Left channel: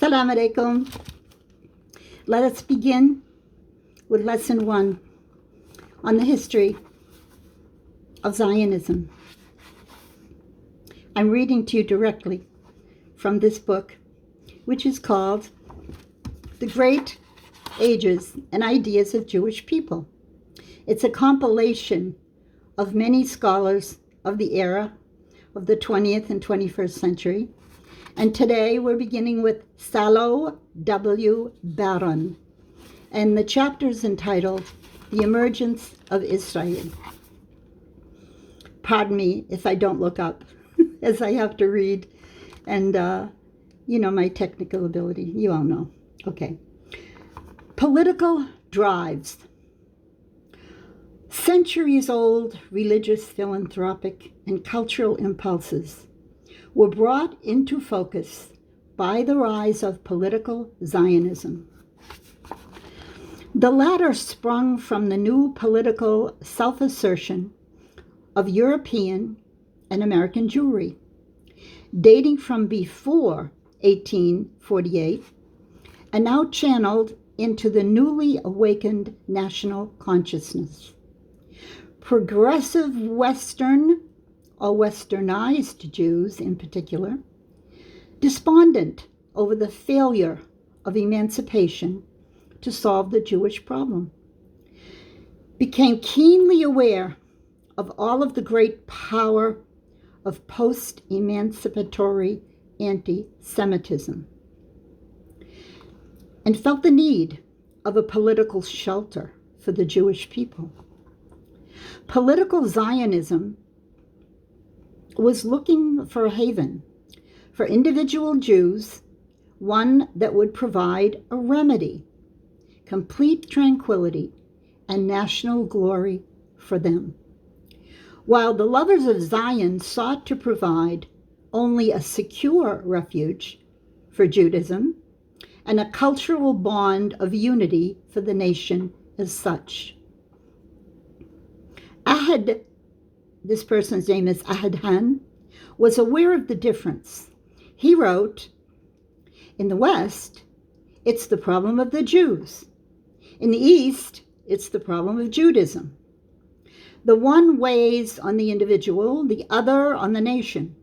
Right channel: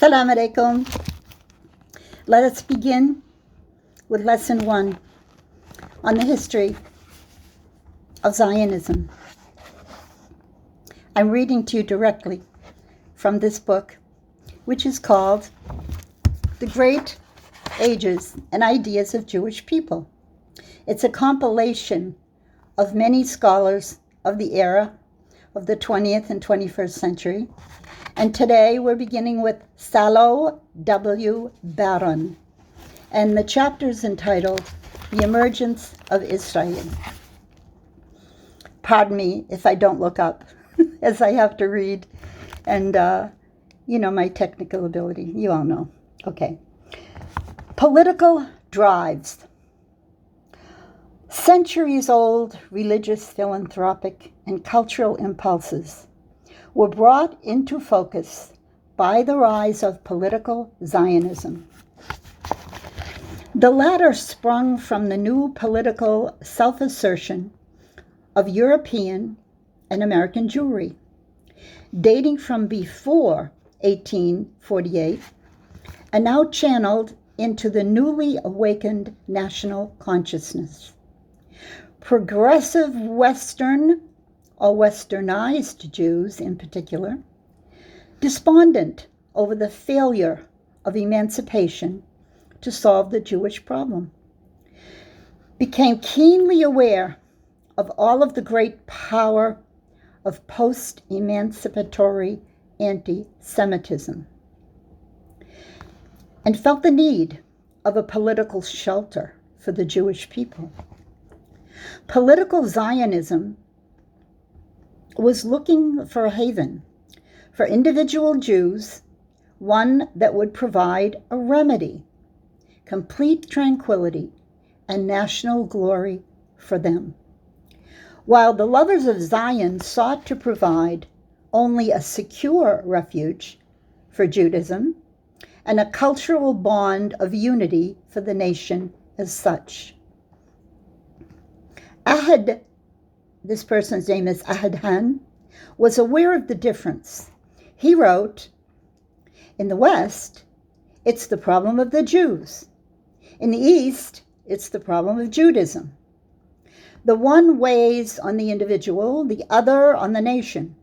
Assalamu alaikum. Let us begin with lesson 1 on the history of Zionism. I'm reading to you directly from this book, which is called The Great Ages and Ideas of Jewish People. It's a compilation of many scholars of the era of the 20th and 21st century. And today we're beginning with Salo W. Baron. And the chapter is entitled The Emergence of Israel. Pardon me if I don't look up, as I have to read. And, my technical ability, you all know. Okay. Political drives. Centuries-old religious, philanthropic, and cultural impulses were brought into focus by the rise of political Zionism. The latter sprung from the new political self-assertion of European and American Jewry, dating from before 1848 and now channeled into the newly awakened national consciousness. Progressive Western or Westernized Jews in particular, despondent over the failure of emancipation to solve the Jewish problem, became keenly aware of all of the great power of post-emancipatory anti-Semitism, and felt the need of a political shelter for the Jewish people. Political Zionism was looking for a haven for individual Jews, one that would provide a remedy, complete tranquility, and national glory for them. While the lovers of Zion sought to provide only a secure refuge for Judaism and a cultural bond of unity for the nation as such. This person's name is Ahad, was aware of the difference. He wrote, "In the West, it's the problem of the Jews. In the East, it's the problem of Judaism. The one weighs on the individual, the other on the nation.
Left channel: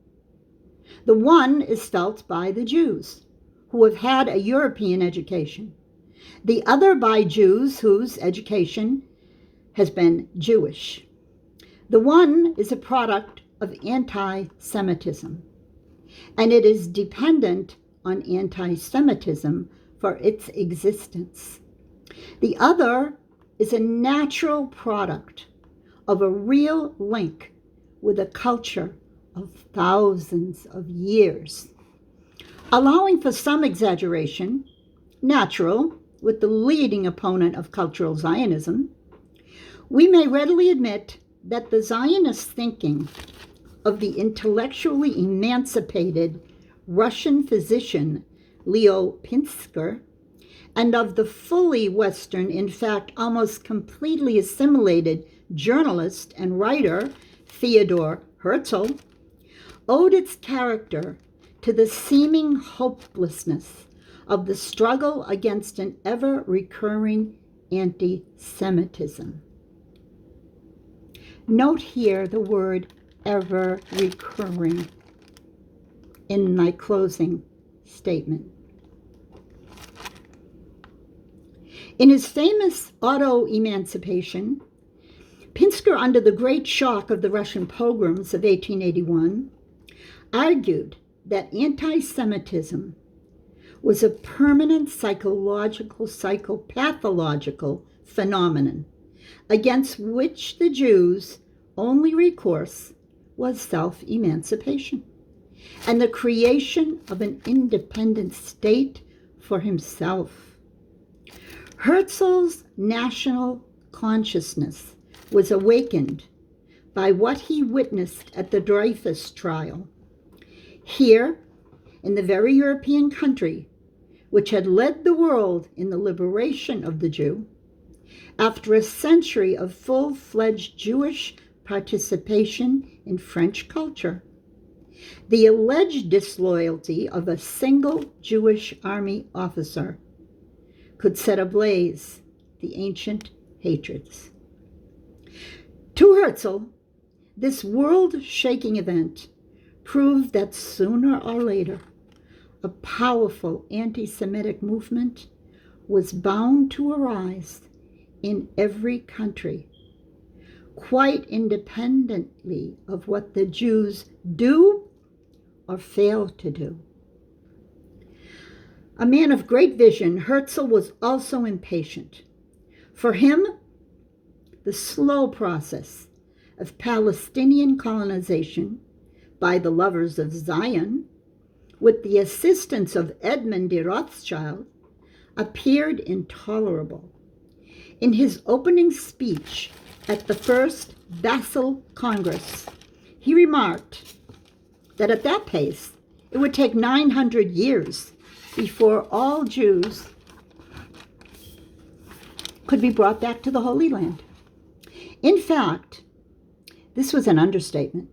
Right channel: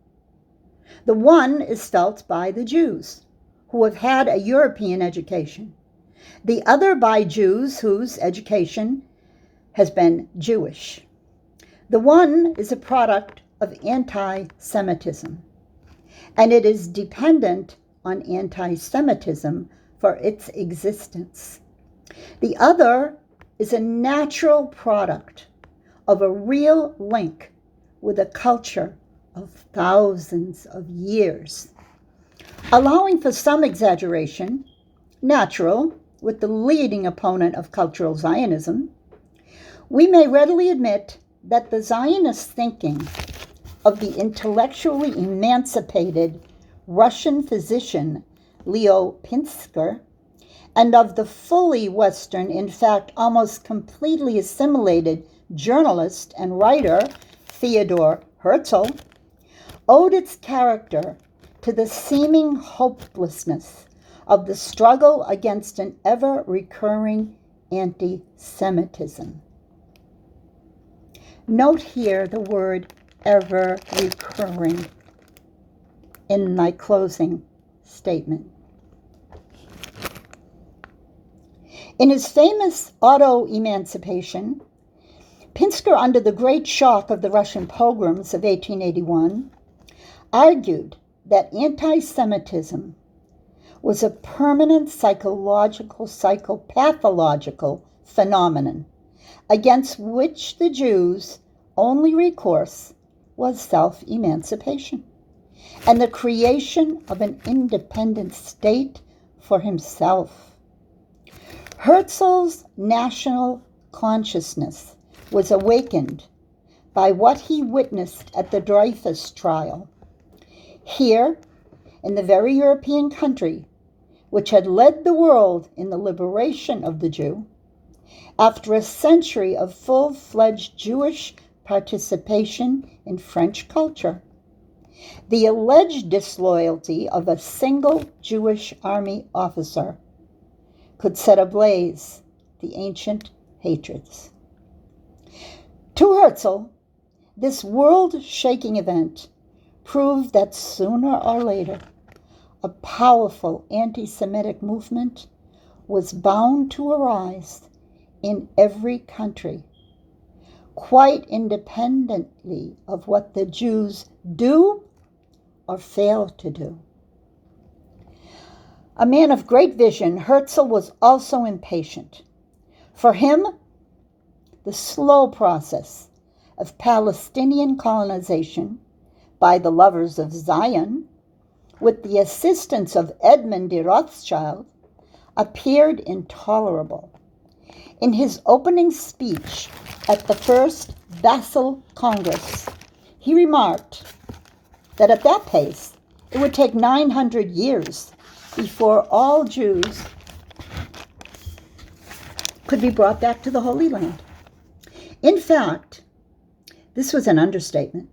The one is felt by the Jews, who have had a European education. The other by Jews whose education has been Jewish. The one is a product of anti-Semitism, and it is dependent on anti-Semitism for its existence. The other is a natural product of a real link with a culture of thousands of years. Allowing for some exaggeration, natural with the leading opponent of cultural Zionism, we may readily admit that the Zionist thinking of the intellectually emancipated Russian physician Leo Pinsker and of the fully Western, in fact, almost completely assimilated journalist and writer Theodor Herzl owed its character to the seeming hopelessness of the struggle against an ever-recurring anti-Semitism. Note here the word ever-recurring in my closing statement. In his famous Auto-Emancipation, Pinsker, under the great shock of the Russian pogroms of 1881, argued that anti-Semitism was a permanent psychopathological phenomenon against which the Jews' only recourse was self-emancipation and the creation of an independent state for himself. Herzl's national consciousness was awakened by what he witnessed at the Dreyfus trial. Here, in the very European country which had led the world in the liberation of the Jew, after a century of full-fledged Jewish participation in French culture, The alleged disloyalty of a single Jewish army officer could set ablaze the ancient hatreds. To Herzl, this world-shaking event proved that sooner or later, a powerful anti-Semitic movement was bound to arise in every country, quite independently of what the Jews do or fail to do. A man of great vision, Herzl was also impatient. For him, the slow process of Palestinian colonization by the lovers of Zion, with the assistance of Edmund de Rothschild, appeared intolerable. In his opening speech at the First Basel Congress, he remarked that at that pace, it would take 900 years before all Jews could be brought back to the Holy Land. In fact, this was an understatement.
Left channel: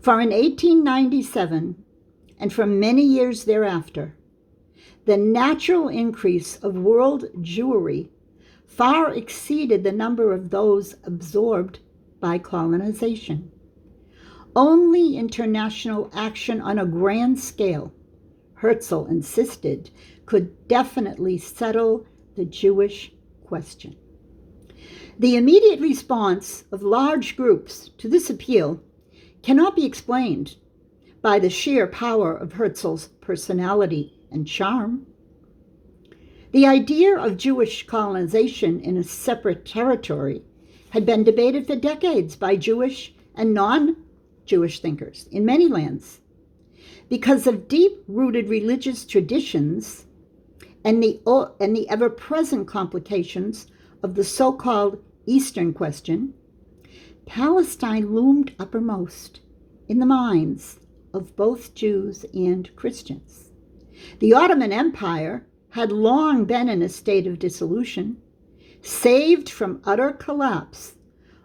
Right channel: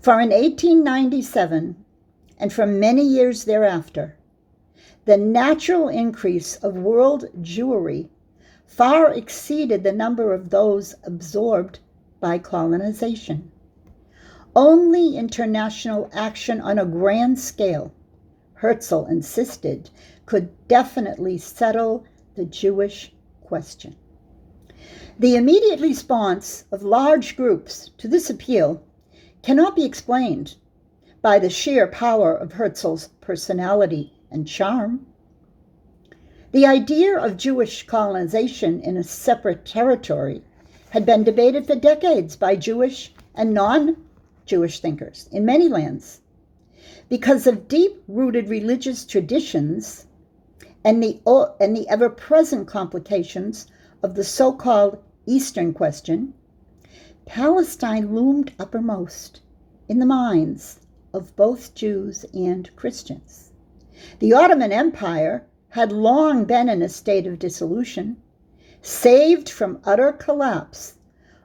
For in 1897, and for many years thereafter, the natural increase of world Jewry far exceeded the number of those absorbed by colonization. Only international action on a grand scale, Herzl insisted, could definitely settle the Jewish question. The immediate response of large groups to this appeal cannot be explained by the sheer power of Herzl's personality and charm. The idea of Jewish colonization in a separate territory had been debated for decades by Jewish and non-Jewish thinkers in many lands. Because of deep-rooted religious traditions and the ever-present complications of the so-called Eastern question, Palestine loomed uppermost in the minds of both Jews and Christians. The Ottoman Empire had long been in a state of dissolution, saved from utter collapse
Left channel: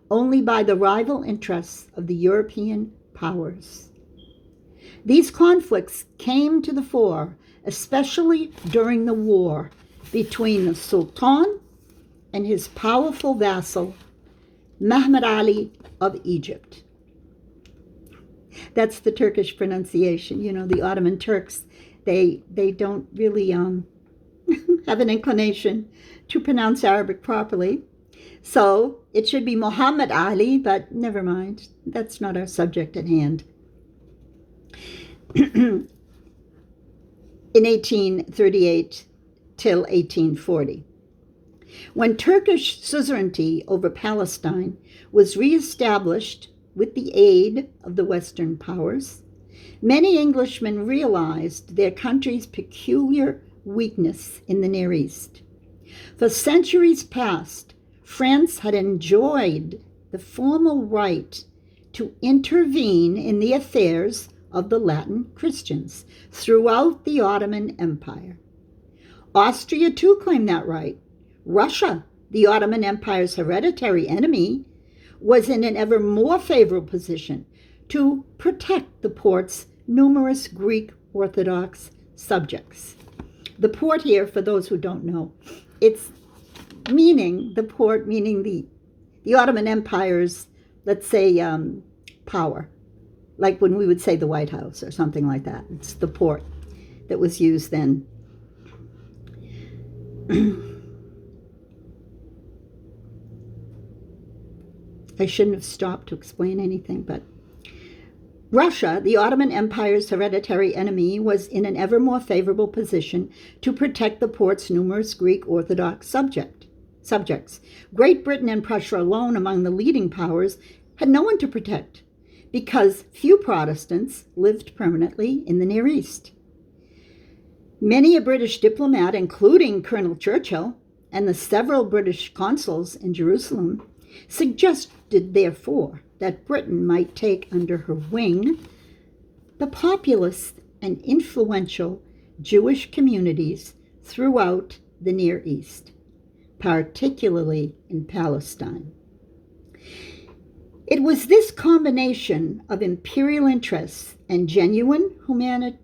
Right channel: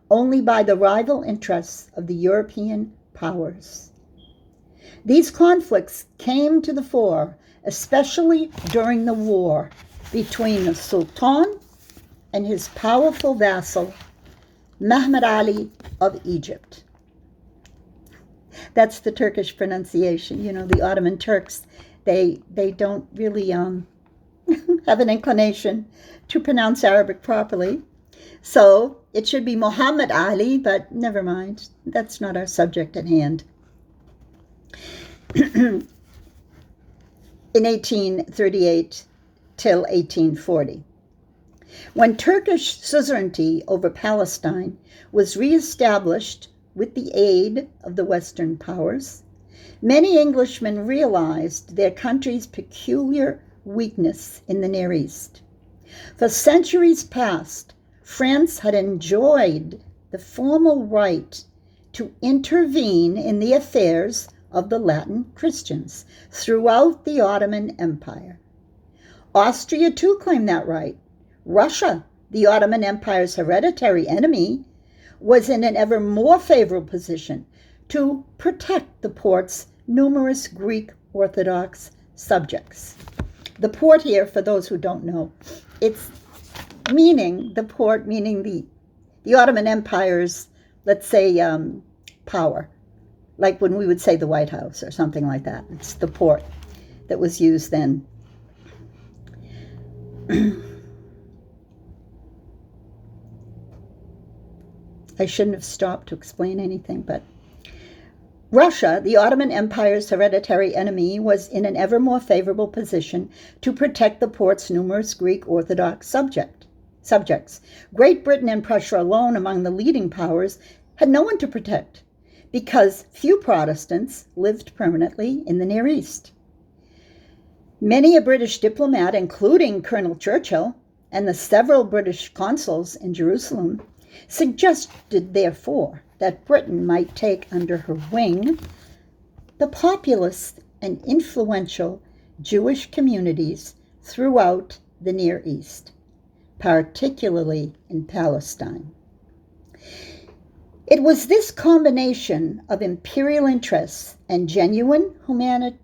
only by the rival interests of the European powers. These conflicts came to the fore, especially during the war between the Sultan and his powerful vassal, Mehmed Ali of Egypt. That's the Turkish pronunciation. You know, the Ottoman Turks, they don't really have an inclination to pronounce Arabic properly. So it should be Muhammad Ali, but never mind. That's not our subject at hand. In 1838 till 1840, when Turkish suzerainty over Palestine was reestablished with the aid of the Western powers, many Englishmen realized their country's peculiar weakness in the Near East. For centuries past, France had enjoyed the formal right to intervene in the affairs of the Latin Christians throughout the Ottoman Empire. Austria too claimed that right. Russia, the Ottoman Empire's hereditary enemy, was in an ever more favorable position to protect the port's numerous Greek Orthodox subjects. The port here, for those who don't know, it's meaning the port, meaning the Ottoman Empire's, let's say, power, like when we would say the White House or something like that. It's the port that was used then. I shouldn't have stopped to explain anything, but Russia, the Ottoman Empire's hereditary enemy, was in an ever more favorable position to protect the port's numerous Greek Orthodox subjects. Great Britain and Prussia alone, among the leading powers, had no one to protect because few Protestants lived permanently in the Near East. Many a British diplomat, including Colonel Churchill and the several British consuls in Jerusalem, suggested, therefore, that Britain might take under her wing the populous and influential Jewish communities throughout the Near East, particularly in Palestine. It was this combination of imperial interests and genuine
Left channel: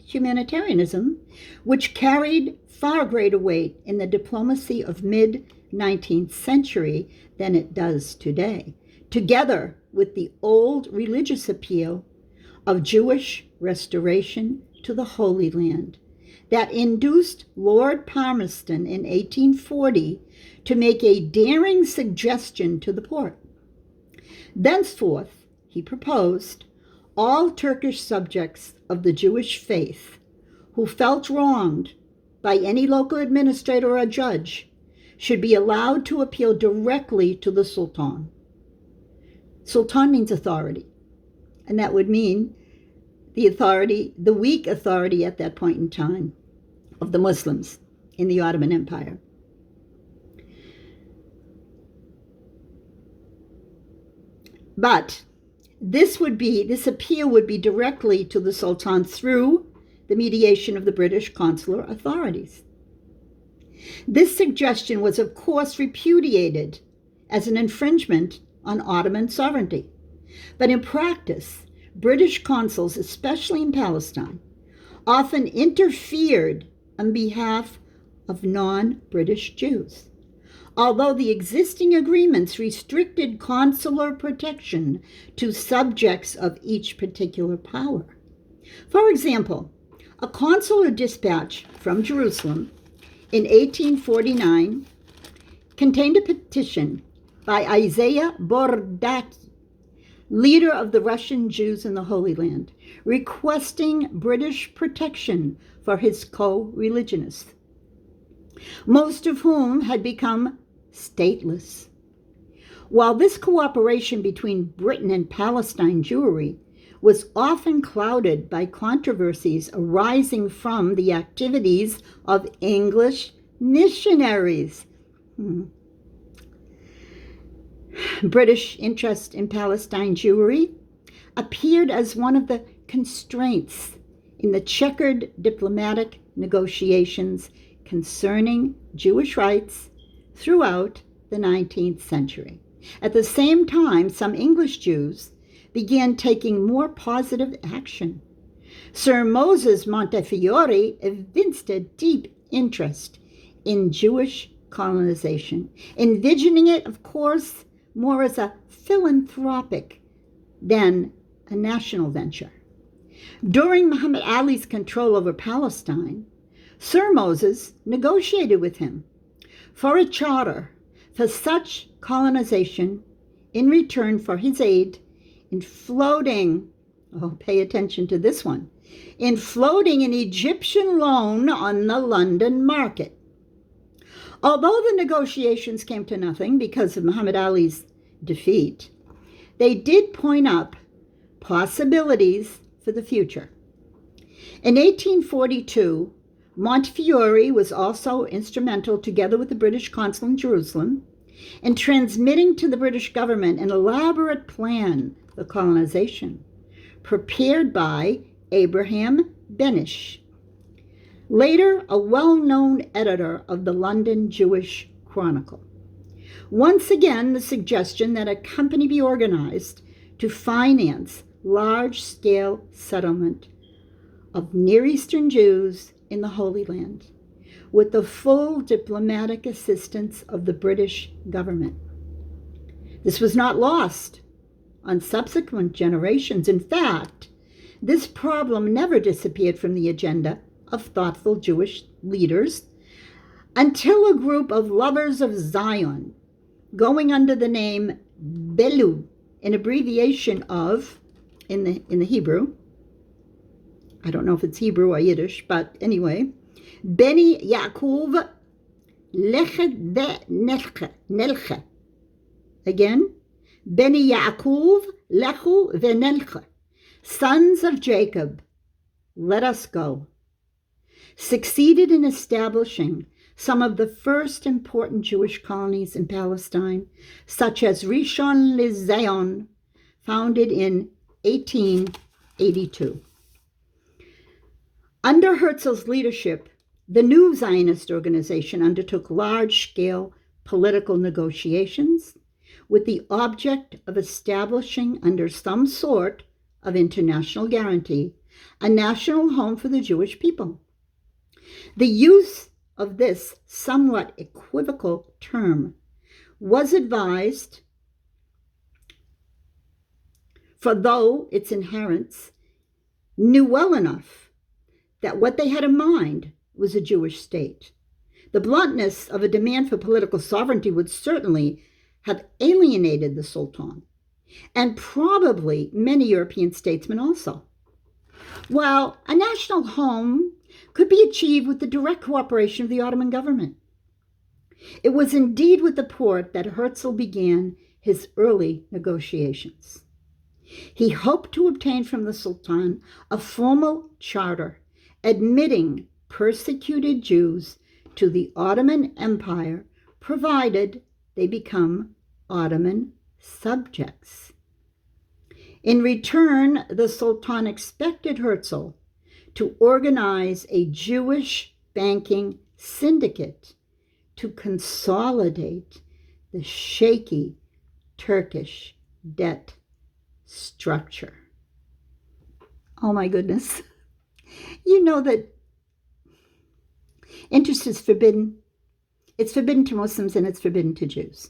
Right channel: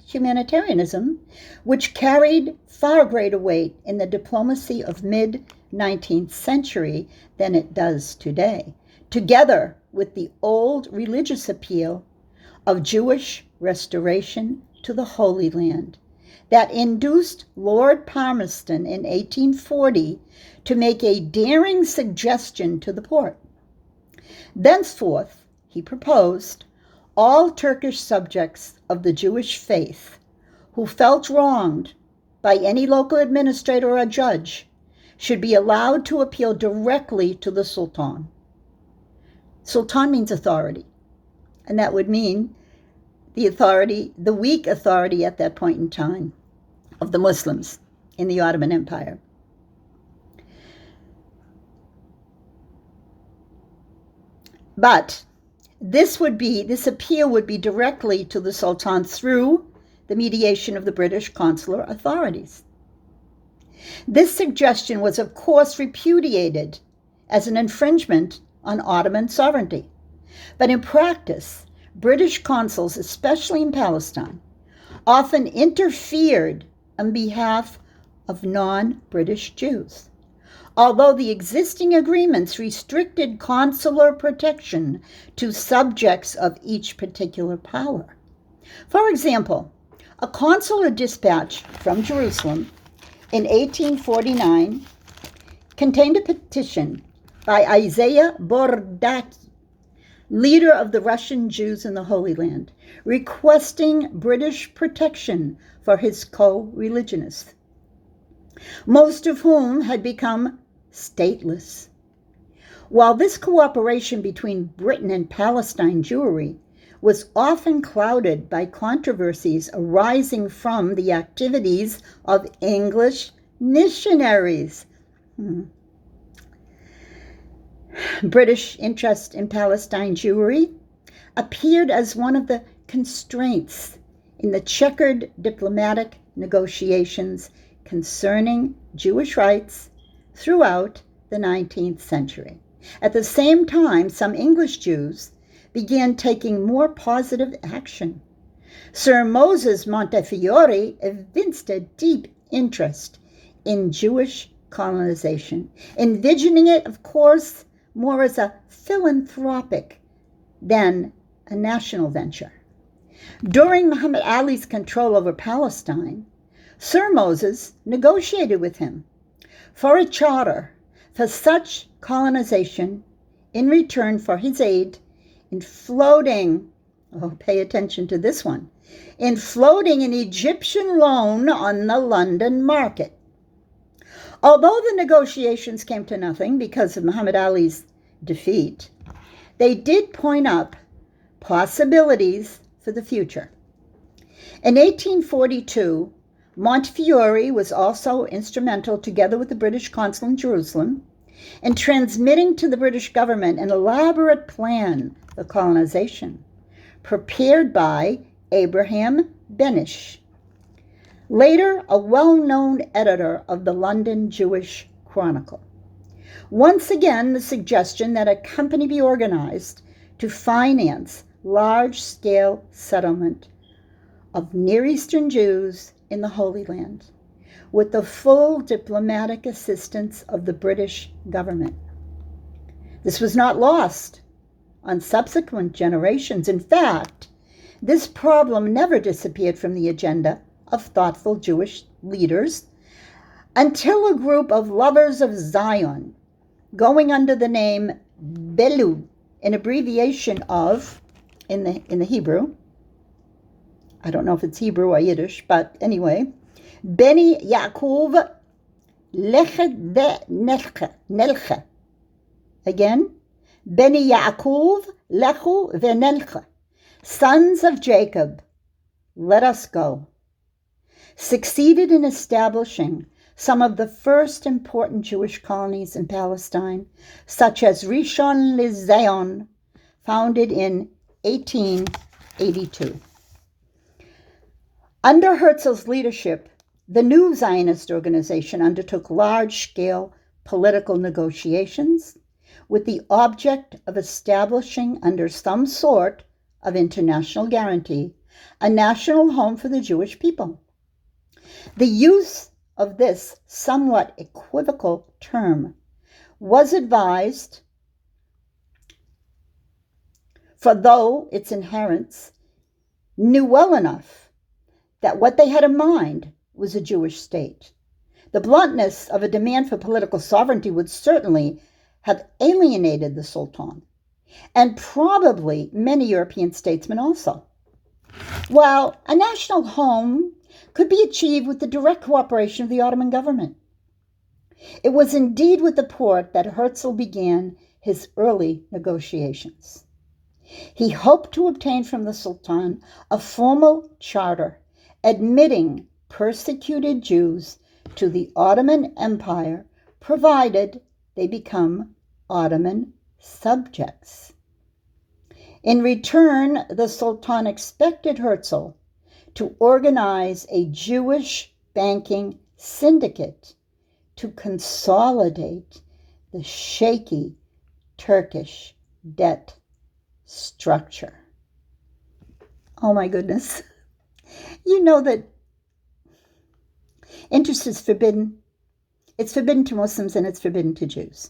humanitarianism which carried far greater weight in the diplomacy of mid-19th century than it does today, together with the old religious appeal of Jewish restoration to the Holy Land that induced Lord Palmerston in 1840 to make a daring suggestion to the Porte. Thenceforth, he proposed, all Turkish subjects of the Jewish faith who felt wronged by any local administrator or judge should be allowed to appeal directly to the Sultan. Sultan means authority, and that would mean the weak authority at that point in time of the Muslims in the Ottoman Empire. But this appeal would be directly to the Sultan through the mediation of the British consular authorities. This suggestion was, of course, repudiated as an infringement on Ottoman sovereignty. But in practice, British consuls, especially in Palestine, often interfered on behalf of non-British Jews. Although the existing agreements restricted consular protection to subjects of each particular power. For example, a consular dispatch from Jerusalem in 1849 contained a petition by Isaiah Bordaki, leader of the Russian Jews in the Holy Land, requesting British protection for his co-religionists, most of whom had become stateless. While this cooperation between Britain and Palestine Jewry was often clouded by controversies arising from the activities of English missionaries. British interest in Palestine Jewry appeared as one of the constraints in the checkered diplomatic negotiations concerning Jewish rights throughout the 19th century. At the same time, some English Jews began taking more positive action. Sir Moses Montefiore evinced a deep interest in Jewish colonization, envisioning it, of course, more as a philanthropic than a national venture. During Muhammad Ali's control over Palestine, Sir Moses negotiated with him for a charter for such colonization in return for his aid in floating, pay attention to this one, in floating an Egyptian loan on the London market. Although the negotiations came to nothing because of Muhammad Ali's defeat, they did point up possibilities for the future. In 1842, Montefiore was also instrumental, together with the British consul in Jerusalem, in transmitting to the British government an elaborate plan for colonization, prepared by Abraham Benish, later a well-known editor of the London Jewish Chronicle. Once again, the suggestion that a company be organized to finance large-scale settlement of Near Eastern Jews in the Holy Land, with the full diplomatic assistance of the British government. This was not lost on subsequent generations. In fact, this problem never disappeared from the agenda of thoughtful Jewish leaders until a group of lovers of Zion, going under the name Belu, an abbreviation of, in the Hebrew, I don't know if it's Hebrew or Yiddish, but anyway, Beni Yaakov Lechet Nelche. Again, Beni Yaakov Lechu Venelche. Sons of Jacob, let us go. Succeeded in establishing some of the first important Jewish colonies in Palestine, such as Rishon LeZion, founded in 1882. Under Herzl's leadership, the new Zionist organization undertook large-scale political negotiations with the object of establishing, under some sort of international guarantee, a national home for the Jewish people. The use of this somewhat equivocal term was advised, for though its inherents knew well enough that what they had in mind was a Jewish state. The bluntness of a demand for political sovereignty would certainly have alienated the Sultan, and probably many European statesmen also. While a national home could be achieved with the direct cooperation of the Ottoman government. It was indeed with the Porte that Herzl began his early negotiations. He hoped to obtain from the Sultan a formal charter admitting persecuted Jews to the Ottoman Empire, provided they become Ottoman subjects. In return, the Sultan expected Herzl to organize a Jewish banking syndicate to consolidate the shaky Turkish debt structure. Oh my goodness. You know that interest is forbidden. It's forbidden to Muslims and it's forbidden to Jews.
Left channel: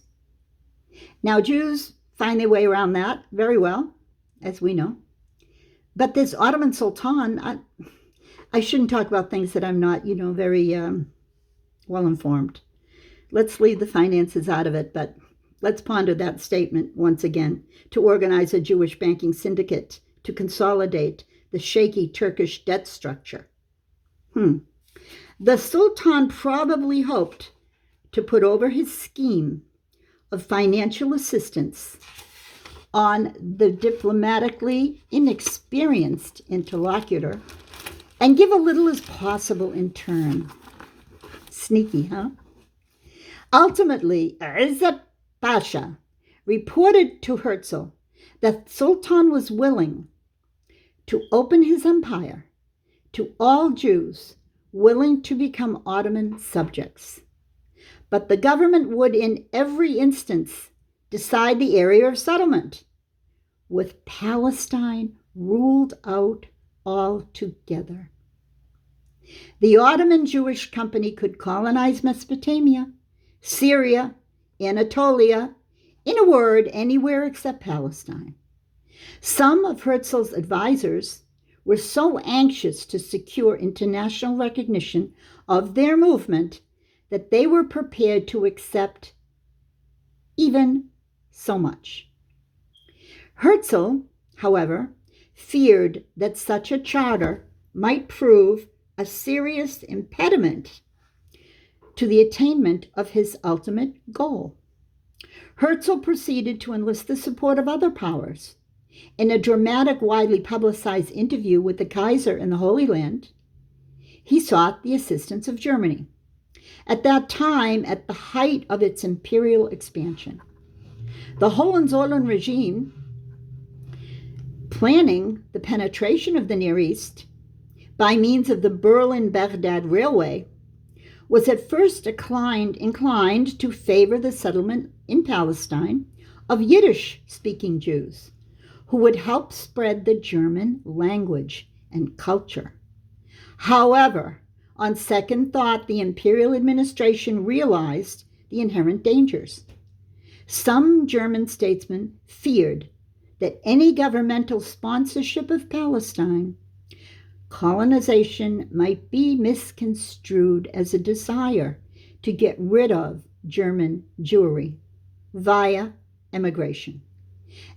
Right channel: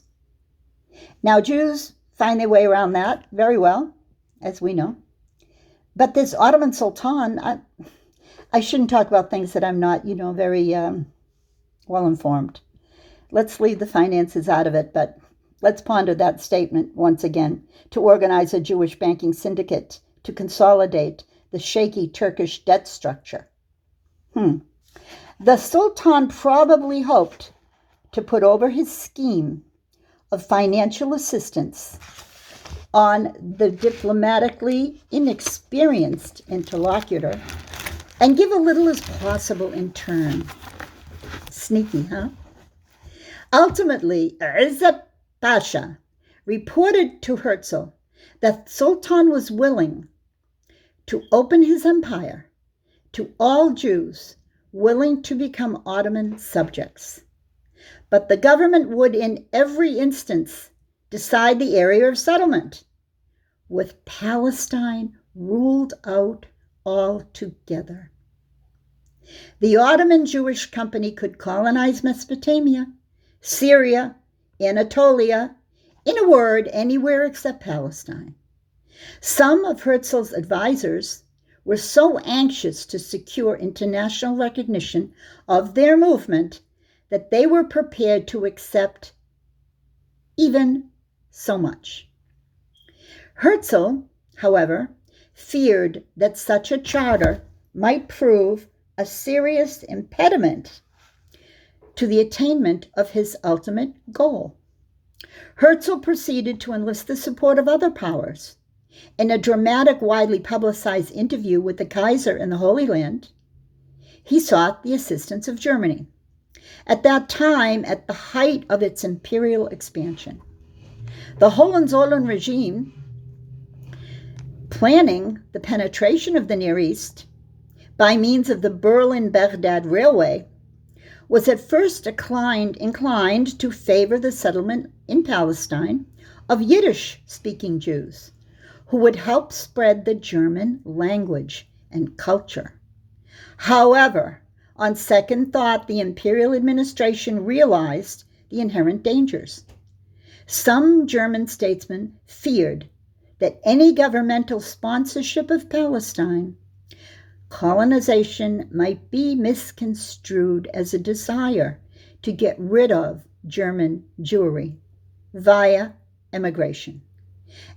Now, Jews find their way around that very well, as we know. But this Ottoman Sultan, I shouldn't talk about things that I'm not, very well informed. Let's leave the finances out of it, but let's ponder that statement once again. To organize a Jewish banking syndicate to consolidate the shaky Turkish debt structure. The Sultan probably hoped to put over his scheme of financial assistance on the diplomatically inexperienced interlocutor and give a little as possible in turn. Sneaky, huh? Ultimately, Izzat Pasha reported to Herzl that Sultan was willing to open his empire to all Jews willing to become Ottoman subjects. But the government would in every instance decide the area of settlement, with Palestine ruled out altogether. The Ottoman Jewish Company could colonize Mesopotamia, Syria, Anatolia, in a word, anywhere except Palestine. Some of Herzl's advisors were so anxious to secure international recognition of their movement that they were prepared to accept even so much. Herzl, however, feared that such a charter might prove a serious impediment to the attainment of his ultimate goal. Herzl proceeded to enlist the support of other powers. In a dramatic, widely publicized interview with the Kaiser in the Holy Land, he sought the assistance of Germany, at that time at the height of its imperial expansion. The Hohenzollern regime, planning the penetration of the Near East by means of the Berlin-Baghdad Railway, was at first inclined to favor the settlement in Palestine of Yiddish-speaking Jews, who would help spread the German language and culture. However, on second thought, the imperial administration realized the inherent dangers. Some German statesmen feared that any governmental sponsorship of Palestine colonization might be misconstrued as a desire to get rid of German Jewry via immigration,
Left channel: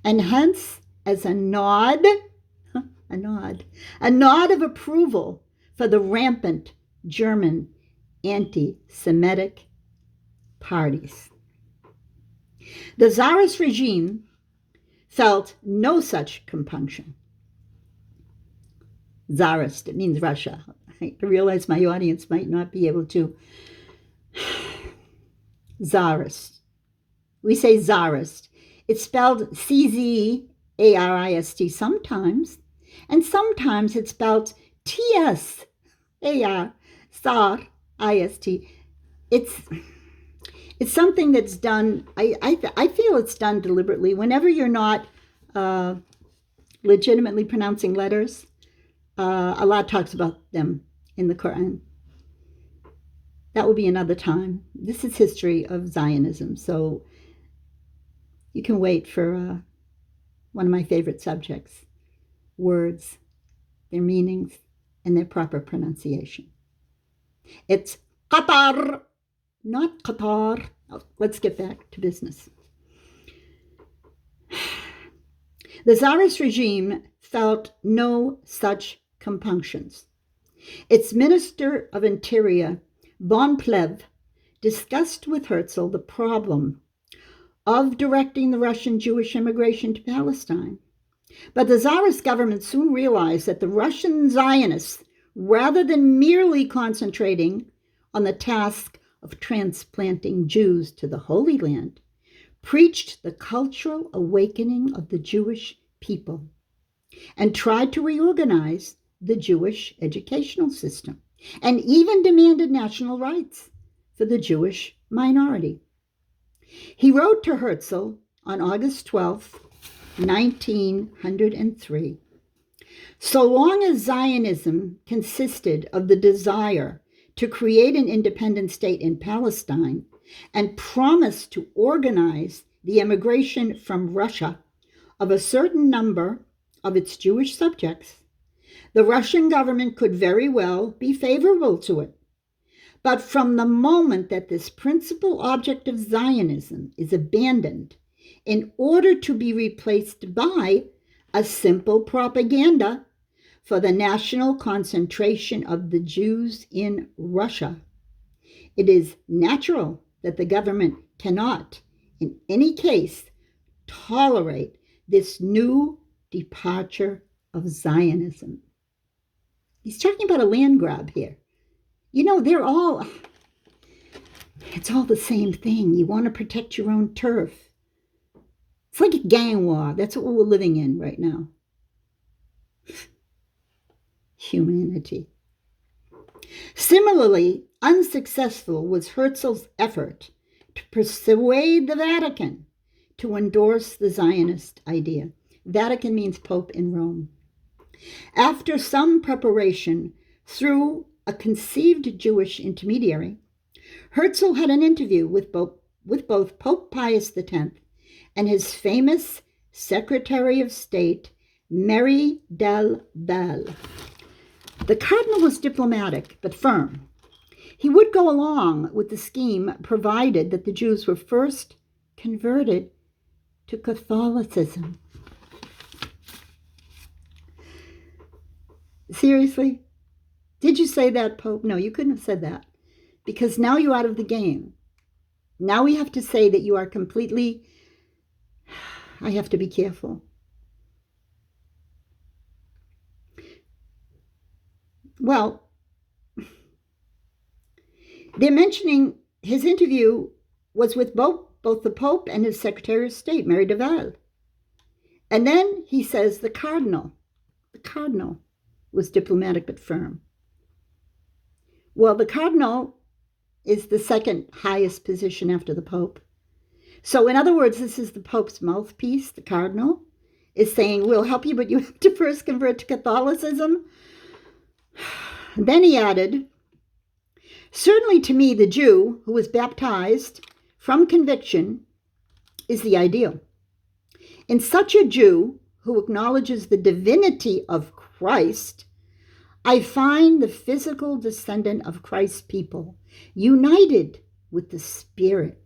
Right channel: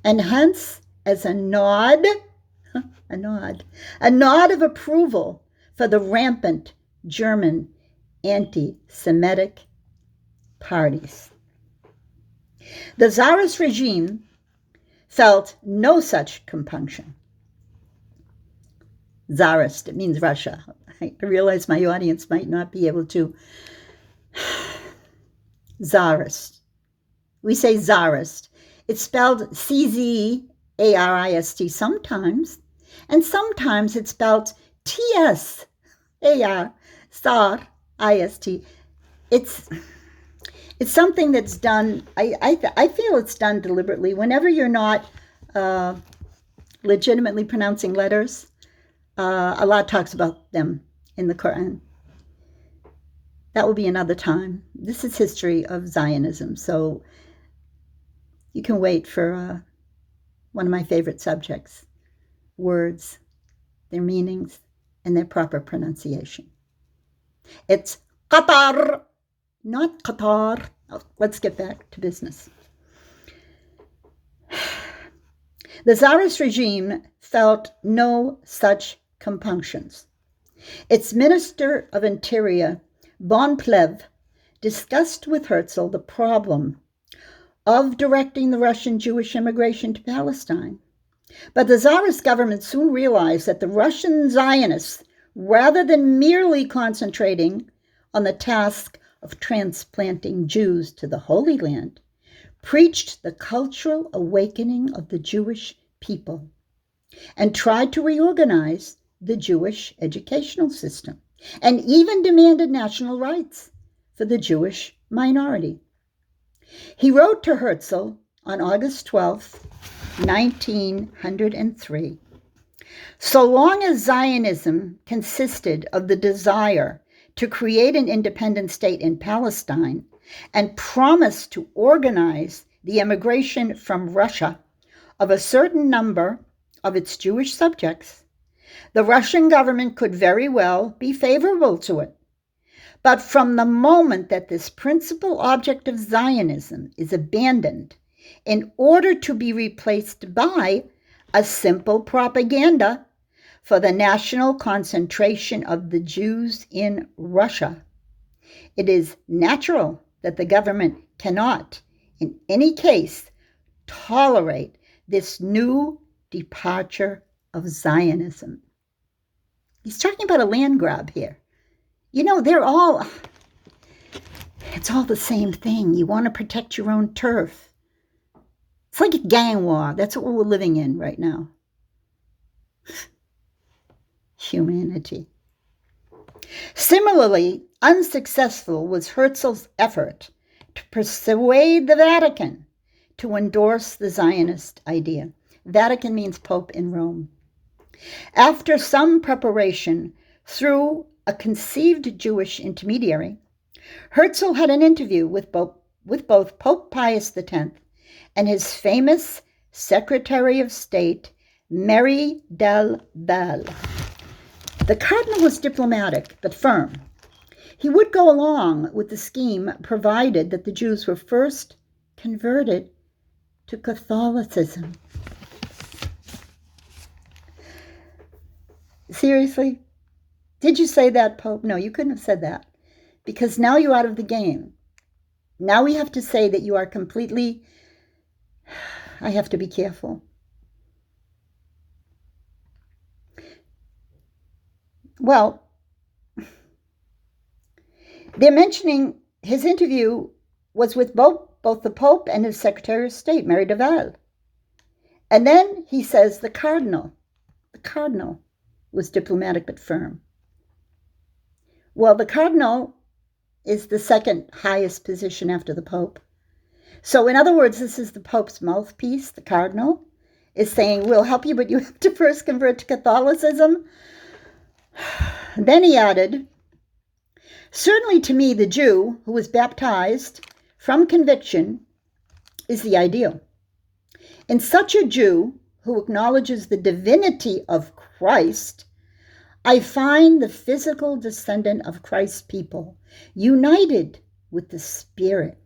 and hence as a nod of approval for the rampant German anti-Semitic parties. The Tsarist regime felt no such compunction. Tsarist, it means Russia. I realize my audience might not be able to. Tsarist. We say Tsarist. It's spelled C-Z-A-R-I-S-T sometimes, and sometimes it's spelled T-S-A-R, Tsar, I-S-T. It's It's something that's done, I feel it's done deliberately. Whenever you're not legitimately pronouncing letters, Allah talks about them in the Quran. That will be another time. This is history of Zionism, so you can wait for one of my favorite subjects, words, their meanings, and their proper pronunciation. It's Qatar, not Qatar. Oh, let's get back to business. The Tsarist regime felt no such compunctions. Its Minister of Interior, Bonplev, discussed with Herzl the problem of directing the Russian Jewish immigration to Palestine. But the Tsarist government soon realized that the Russian Zionists, rather than merely concentrating on the task of transplanting Jews to the Holy Land, preached the cultural awakening of the Jewish people and tried to reorganize the Jewish educational system, and even demanded national rights for the Jewish minority. He wrote to Herzl on August 12, 1903, "So long as Zionism consisted of the desire to create an independent state in Palestine and promised to organize the emigration from Russia of a certain number of its Jewish subjects, the Russian government could very well be favorable to it. But from the moment that this principal object of Zionism is abandoned in order to be replaced by a simple propaganda for the national concentration of the Jews in Russia, it is natural that the government cannot, in any case, tolerate this new departure of Zionism." He's talking about a land grab here. You know, it's all the same thing. You want to protect your own turf. It's like a gang war. That's what we're living in right now. Humanity. Similarly, unsuccessful was Herzl's effort to persuade the Vatican to endorse the Zionist idea. Vatican means Pope in Rome. After some preparation through a conceived Jewish intermediary, Herzl had an interview with both Pope Pius X and his famous Secretary of State, Mary del Val. The cardinal was diplomatic but firm. He would go along with the scheme provided that the Jews were first converted to Catholicism. Seriously? Did you say that, Pope? No, you couldn't have said that, because now you're out of the game. Now we have to say that you are completely... I have to be careful. Well, they're mentioning his interview was with both the Pope and his Secretary of State, Mary de Val. And then he says the cardinal was diplomatic but firm. Well, the cardinal is the second highest position after the Pope. So in other words, this is the Pope's mouthpiece. The cardinal is saying, we'll help you, but you have to first convert to Catholicism. Then he added, certainly to me, the Jew who was baptized from conviction is the ideal. In such a Jew who acknowledges the divinity of Christ, I find the physical descendant of Christ's people united with the Spirit.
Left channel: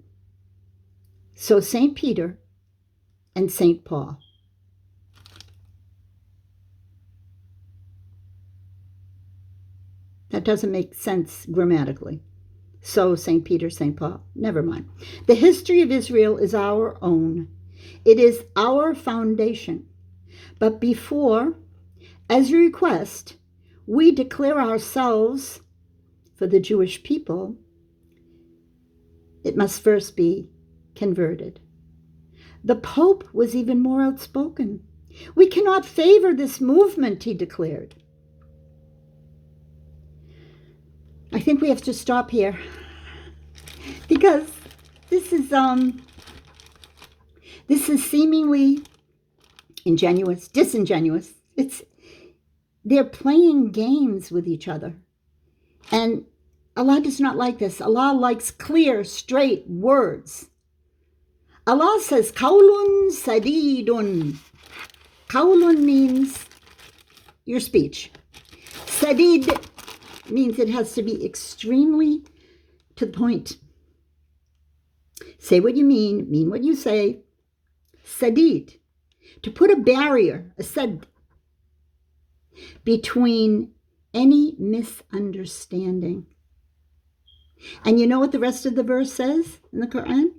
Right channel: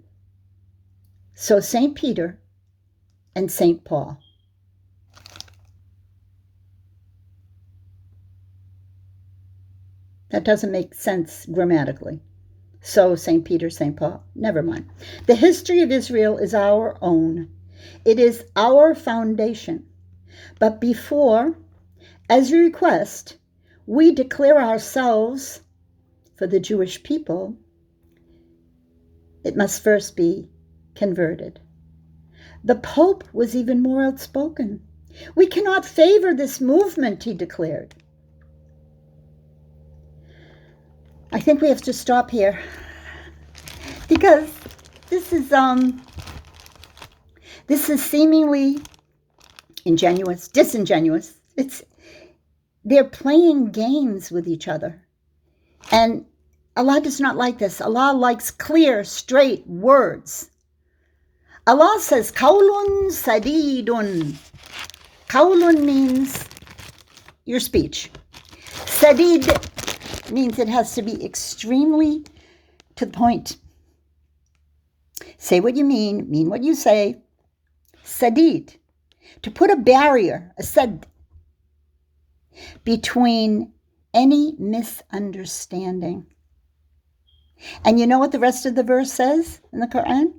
So St. Peter and St. Paul. That doesn't make sense grammatically. So St. Peter, St. Paul. Never mind. The history of Israel is our own. It is our foundation. But before, as a request, we declare ourselves for the Jewish people, it must first be converted. The Pope was even more outspoken. We cannot favor this movement, he declared. I think we have to stop here because this is seemingly disingenuous. They're playing games with each other. And Allah does not like this. Allah likes clear, straight words. Allah says, Qawlun sadidun. Qawlun means your speech. Sadid means it has to be extremely to the point. Say what you mean what you say. Sadid, to put a barrier, a sad, between any misunderstanding. And you know what the rest of the verse says in the Quran?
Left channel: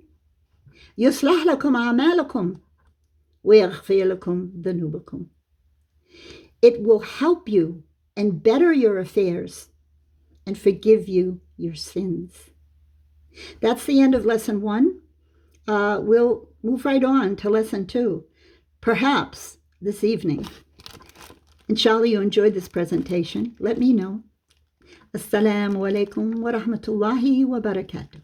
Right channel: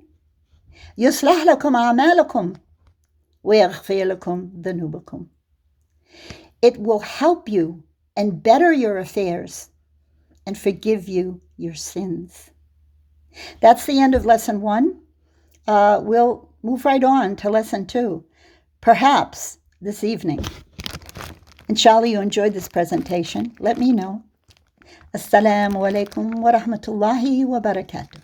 يُصْلَحْ لَكُمْ أَعْمَالَكُمْ وَيَغْفِرْ لَكُمْ ذُنُوبَكُمْ. It will help you and better your affairs and forgive you your sins. That's the end of lesson 1. We'll move right on to lesson 2, perhaps this evening. Inshallah, you enjoyed this presentation. Let me know. Assalamu alaikum wa rahmatullahi wa barakatuh.